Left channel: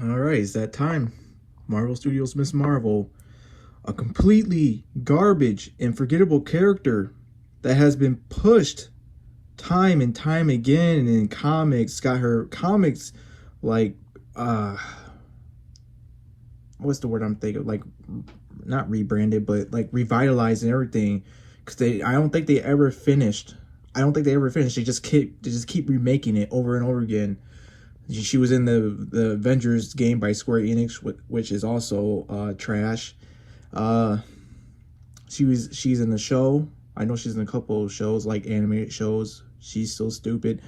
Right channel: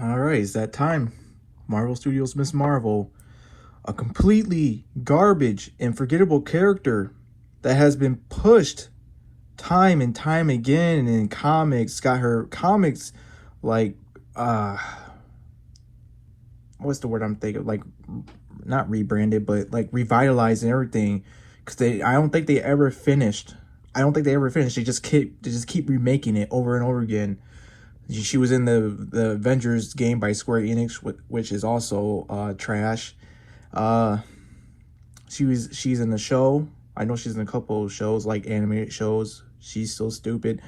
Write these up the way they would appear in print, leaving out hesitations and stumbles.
All right, it's that time. Marvel Studios' Miss Marvel, a completely garbage and forgettable character that has been pushed time and time again in comics. Got her comics like what's the word I'm thinking? Like not rebranded, but like revitalized and everything. Because I don't think they ever finished. They just keep remaking it over and over again. She was in the Avengers game by Square Enix, which is also trash. She's in the show. I know she's in a couple of shows, like animated shows. She's so stupid,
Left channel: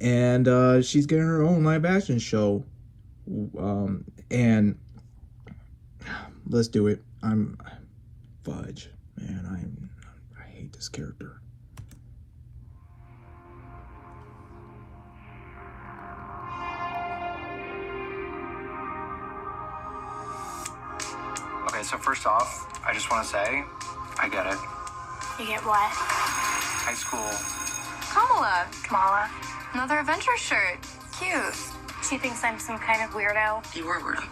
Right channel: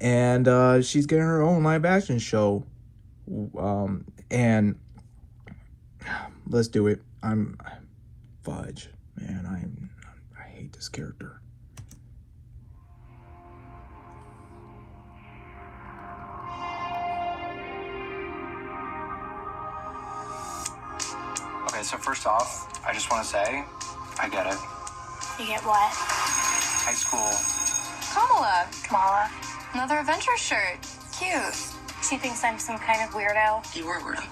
and she's getting her own live action show. And let's do it. I'm fudge, man. I hate this character. Okay, so first off, I just want to say, I get it. You get what? High school. Kamala. Another Avengers shirt. Cute. She thinks I'm some kind of weirdo. You were weirdo.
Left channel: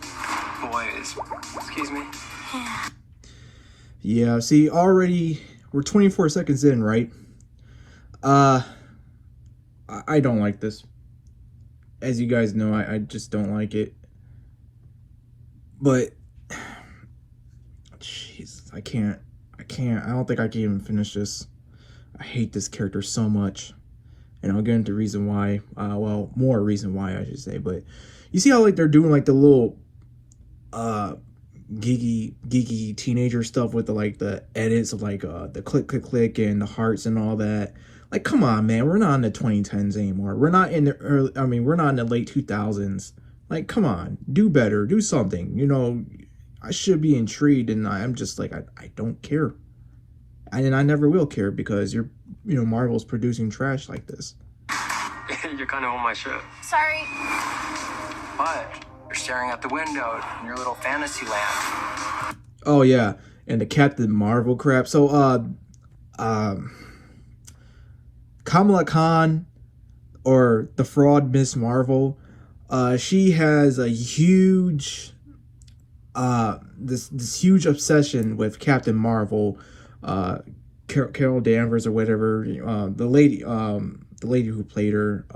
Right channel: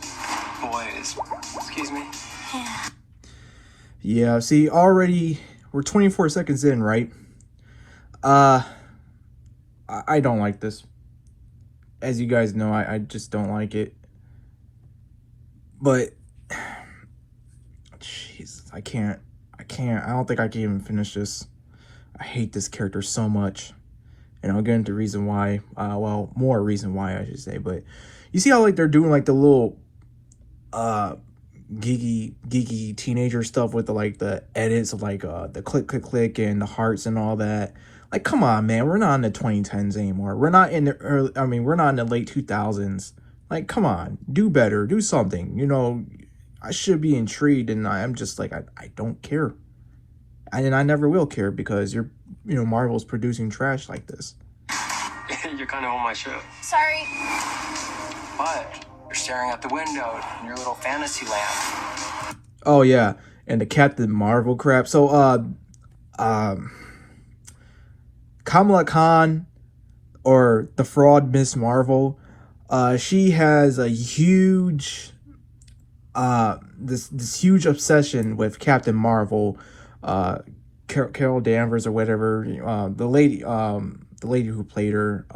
Boys. Excuse me. Yeah. Yeah, see, already we're 24 seconds in, right? I don't like this. As you guys know, I just don't like it. But jeez, I can't. I don't think I can even finish this. I hate this character so much. And I'll get into reason why. Well, more reason why, I should say. But you see how like they're doing like the little geeky teenager stuff with the edits of like the click and the hearts and all that. Like, come on, man, we're not in the 2010s anymore. We're not in the early, we're not in the late 2000s. Like, come on, do better, do something. You know, I should be intrigued, and I'm just like, I don't care. And I never will care because Marvel's producing trash like this. You're kind of on my show. Sorry. What? You're staring out the window in your little fantasy land. Oh yeah, and the Captain Marvel crap. So Kamala Khan, or the fraud Miss Marvel, she has a huge this huge obsession with Captain Marvel, Carol Danvers or whatever, the lady who played her,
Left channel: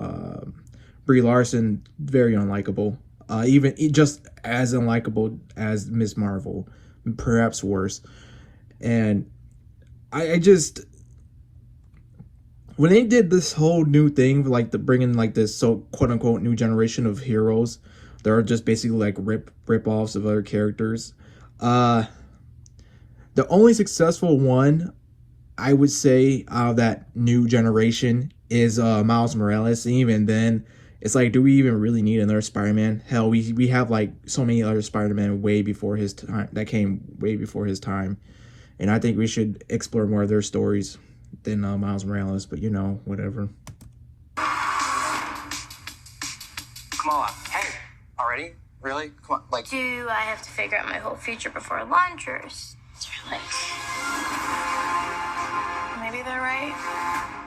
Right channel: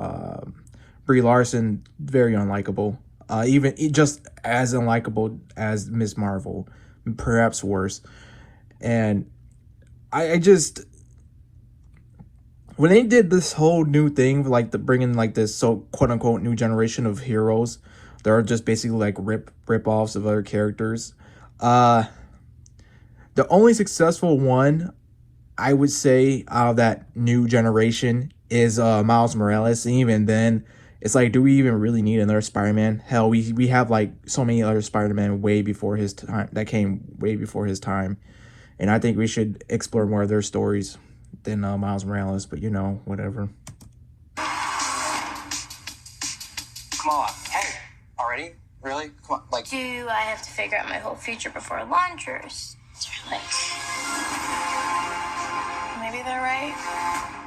Brie Larson, very unlikable. Even just as unlikable as Miss Marvel, perhaps worse. And I just, when they did this whole new thing, like bringing like this quote unquote new generation of heroes, they're just basically like rip offs of other characters. The only successful one I would say out of that new generation is Miles Morales. And even then, it's like, do we even really need another Spider-Man? Hell, we have like so many other Spider-Man way before his time, that came way before his time. And I think we should explore more of their stories than Miles Morales, but whatever. Kamala, hey, already? Really? Come on, like... Do I have to figure out my whole future before lunch, or is it late? Maybe they're right.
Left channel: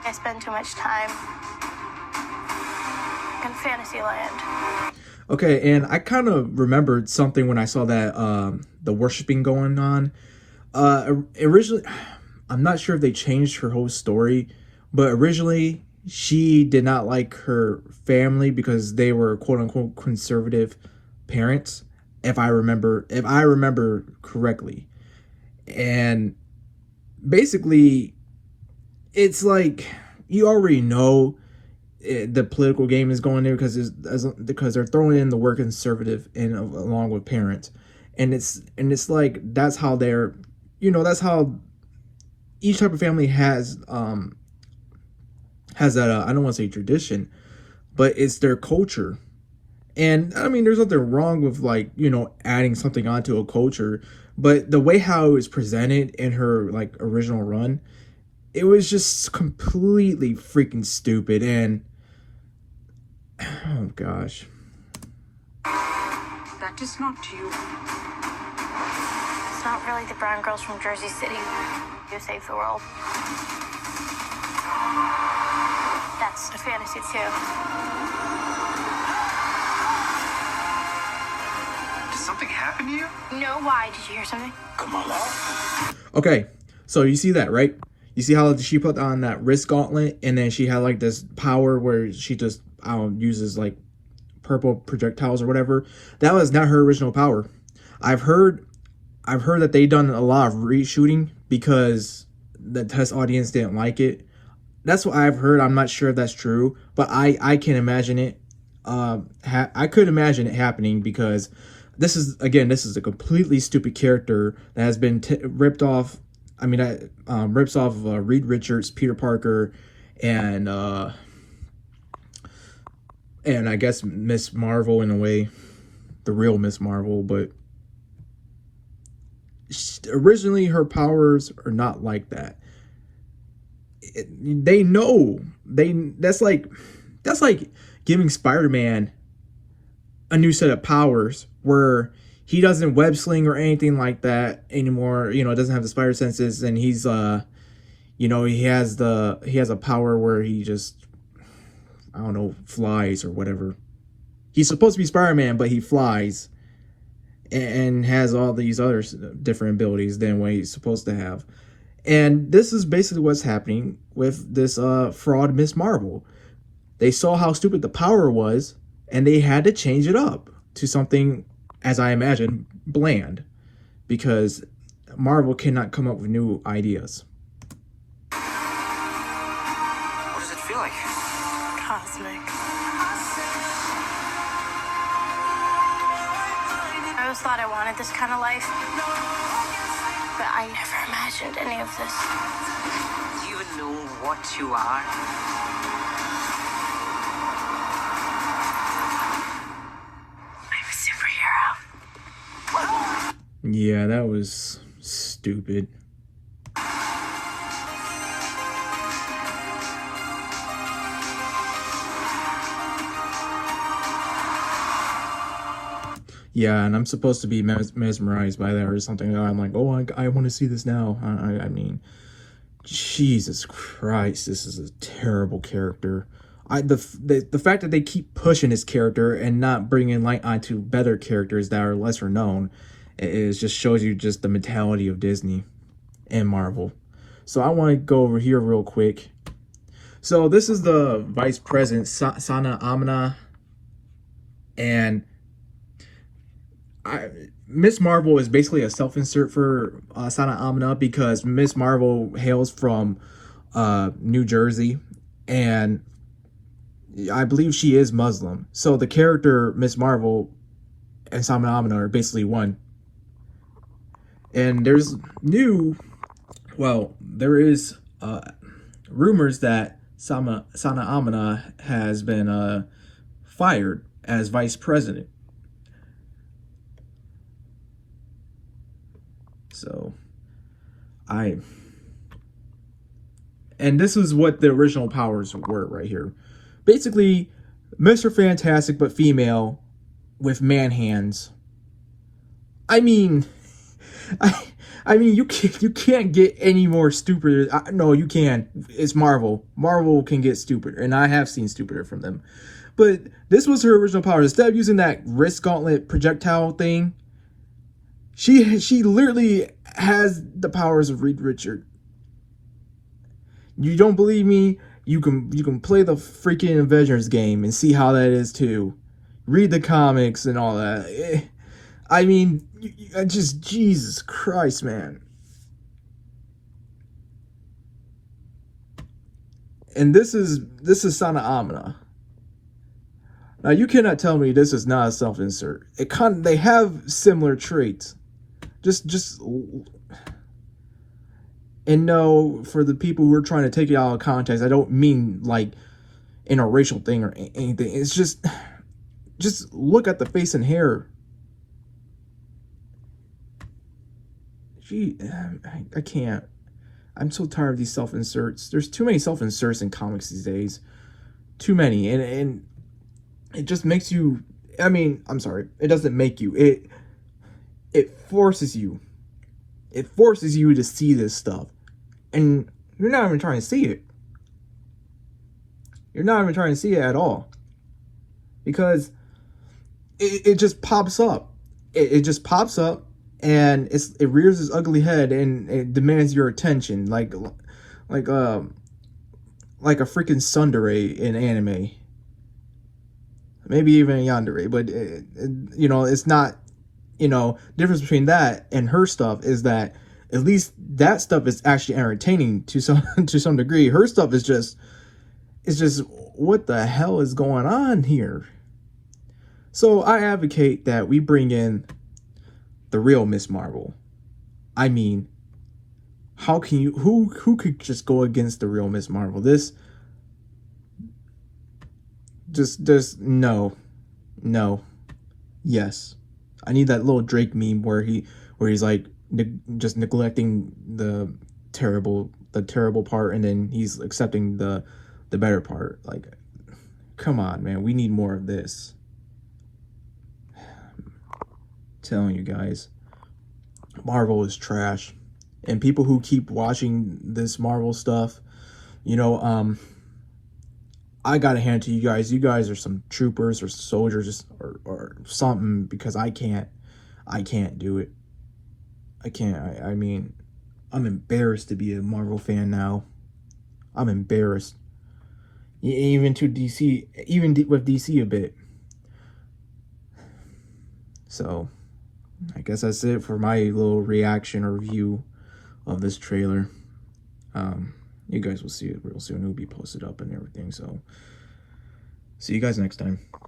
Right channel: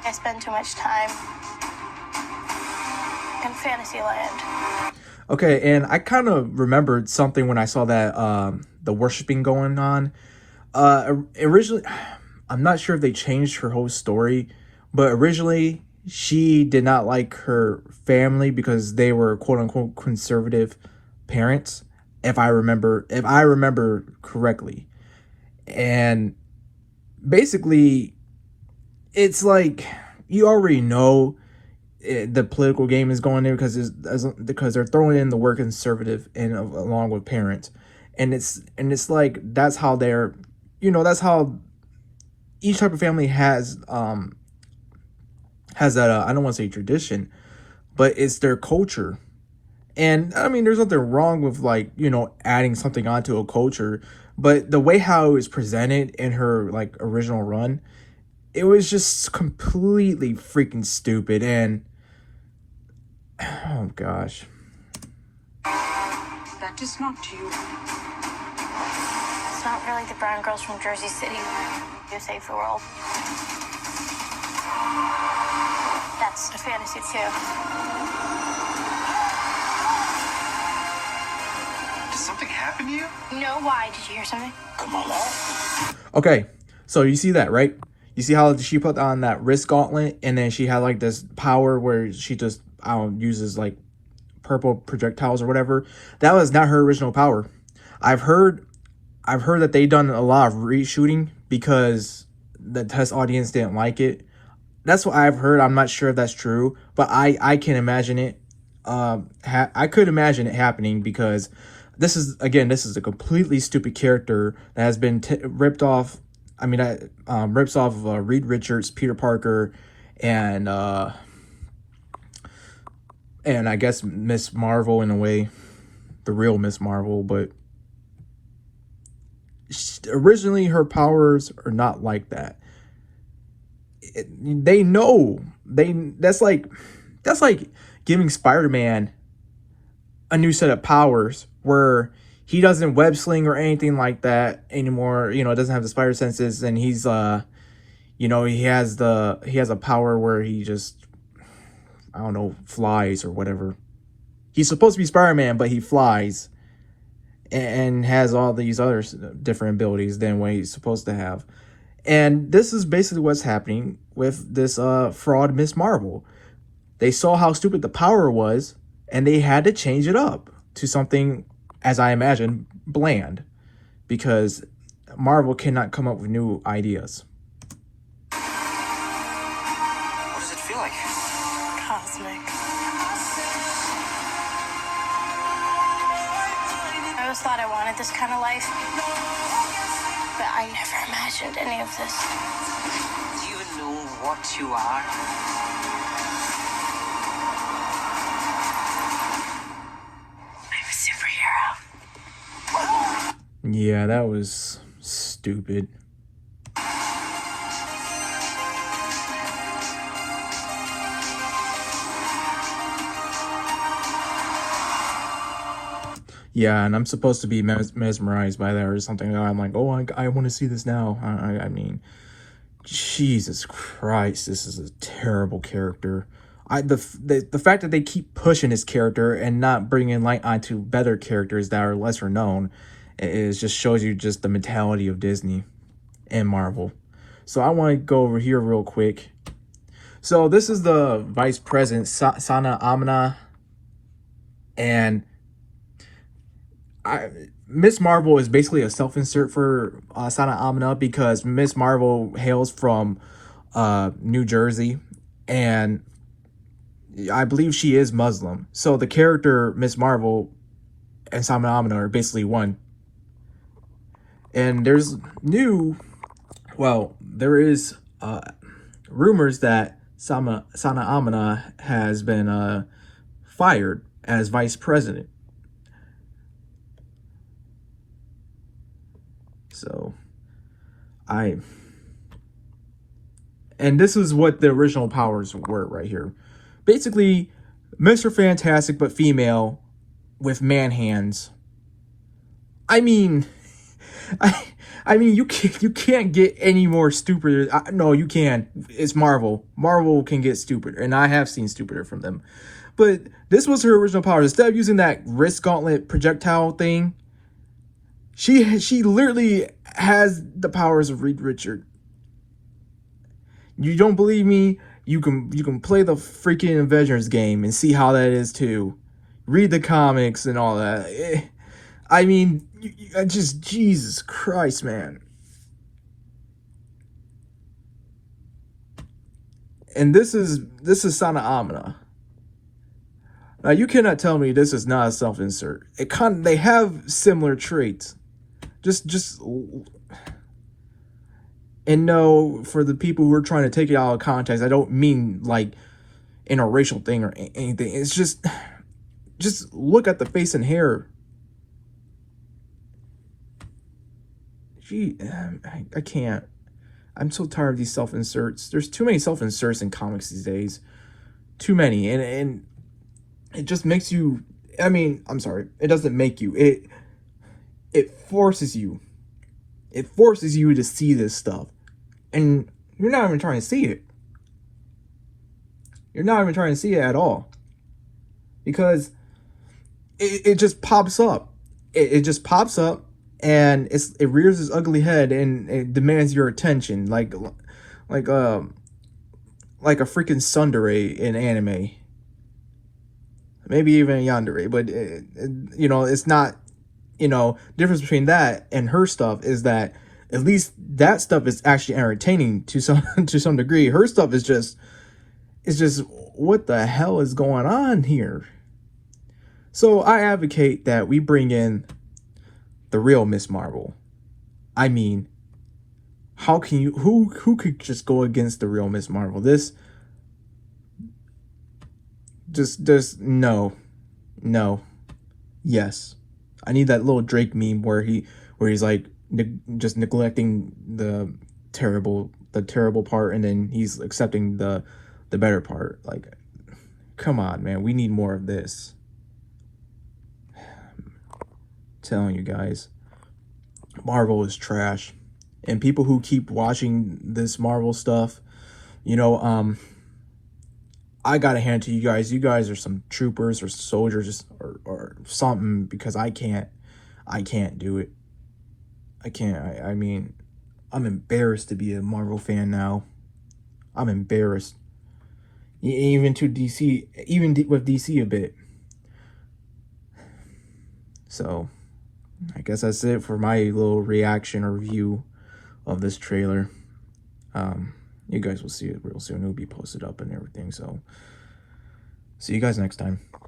I spend too much time in Fantasyland. Okay, and I kind of remembered something when I saw that the worshiping going on. Originally, I'm not sure if they changed her whole story, but originally she did not like her family because they were quote unquote conservative parents, if I remember correctly. And basically, it's like you already know the political game is going there because they're throwing in the word conservative and along with parents, and it's like that's how they're, that's how each type of family has that I don't want to say tradition, but it's their culture. And I mean, there's nothing wrong with like adding something onto a culture, but the way how it was presented in her like original run, it was just completely freaking stupid. And oh gosh, That is not you. It's not really the brown girls from Jersey City who save the world. That's a fantasy too. something happen to you? No, why? Did you hear something? Okay, so you see that, right? You see how she put on that wrist gauntlet, and then she had like this power where she just, I don't know, uses like purple projectiles or whatever. That was not her original power. I've heard that they done a lot of reshooting because the test audience didn't like it. That's what I've heard. I'm not sure if that's true, but I can imagine it. I could imagine it happening because this is a completely stupid character that has been ripped off. I mean, rips off of Reed Richards, Peter Parker, and I guess Miss Marvel in a way, the real Miss Marvel. But originally, her powers are not like that. They know that's like giving Spider-Man a new set of powers where he doesn't web sling or anything like that anymore. You know, doesn't have the spider senses, and he's you know, he has a power where he just, I don't know, flies or whatever. He's supposed to be Spider-Man, but he flies and has all these other different abilities than what he's supposed to have. And this is basically what's happening with this fraud Miss Marvel. They saw how stupid the power was, and they had to change it up to something, as I imagine, bland, because Marvel cannot come up with new ideas. What does it feel like? Cosmic. I always thought I wanted this kind of life, but I never imagined any of this. Do you even know what you are? I'm a superhero. Yeah, that was stupid. Yeah, and I'm supposed to be mesmerized by that or something. I'm like, oh, I want to see this now. I mean, Jesus Christ, this is a terrible character. The fact that they keep pushing this character and not bringing light onto better characters that are lesser known, it just shows you just the mentality of Disney and Marvel. So I want to go over here real quick. So this is the Vice President, Sana Amina, and Miss Marvel is basically a self-insert for Sana Amina because Miss Marvel hails from New Jersey, and I believe she is Muslim. So the character Miss Marvel and Sana Amina are basically one. And there is rumors that Sana Amina has been fired as vice president. So, and this is what the original powers were right here. Basically, Mr. Fantastic but female with man hands. I mean, I mean, you can't get any more stupider. No, you can. It's Marvel. Marvel can get stupider, and I have seen stupider from them. But this was her original power. Instead of using that wrist gauntlet projectile thing, she literally has the powers of Reed Richards. You don't believe me? You can play the freaking Avengers game and see how that is too. Read the comics and all that. I mean, just Jesus Christ, man. And this is Sana Amina. Now you cannot tell me this is not a self-insert. They have similar traits. Just and no, for the people who are trying to take it out of context, I don't mean like in a racial thing or anything. It's just look at the face and hair. Gee, I can't. I'm so tired of these self-inserts. There's too many self-inserts in comics these days. Too many. And it just makes you, I mean, I'm sorry. It doesn't make you. It forces you. It forces you to see this stuff. And you're not even trying to see it. You're not even trying to see it at all. Because it just pops up. it just pops up and it rears its ugly head and it demands your attention, like a freaking tsundere in anime, maybe even a yandere. But you know, it's not, you know, difference between that and her stuff is that at least that stuff is actually entertaining to some degree. Her stuff is just, it's just, what the hell is going on here? So I advocate that we bring in the real Miss Marvel. I mean, how can you, who could just go against the real Miss Marvel? This, just no, yes. I need that little Drake meme where he's like just neglecting the terrible part, and then he's accepting the better part. Like, come on, man, we need more of this. Telling you guys, Marvel is trash, and people who keep watching this Marvel stuff, you know, I gotta hand it to you guys. You guys are some troopers or soldiers or something, because I can't do it. I can't. I mean, I'm embarrassed to be a Marvel fan now. I'm embarrassed. Even to DC, even with DC a bit. So, I guess that's it for my little reaction or review of this trailer. You guys will see it real soon. It'll be posted up and everything. So, see you guys next time.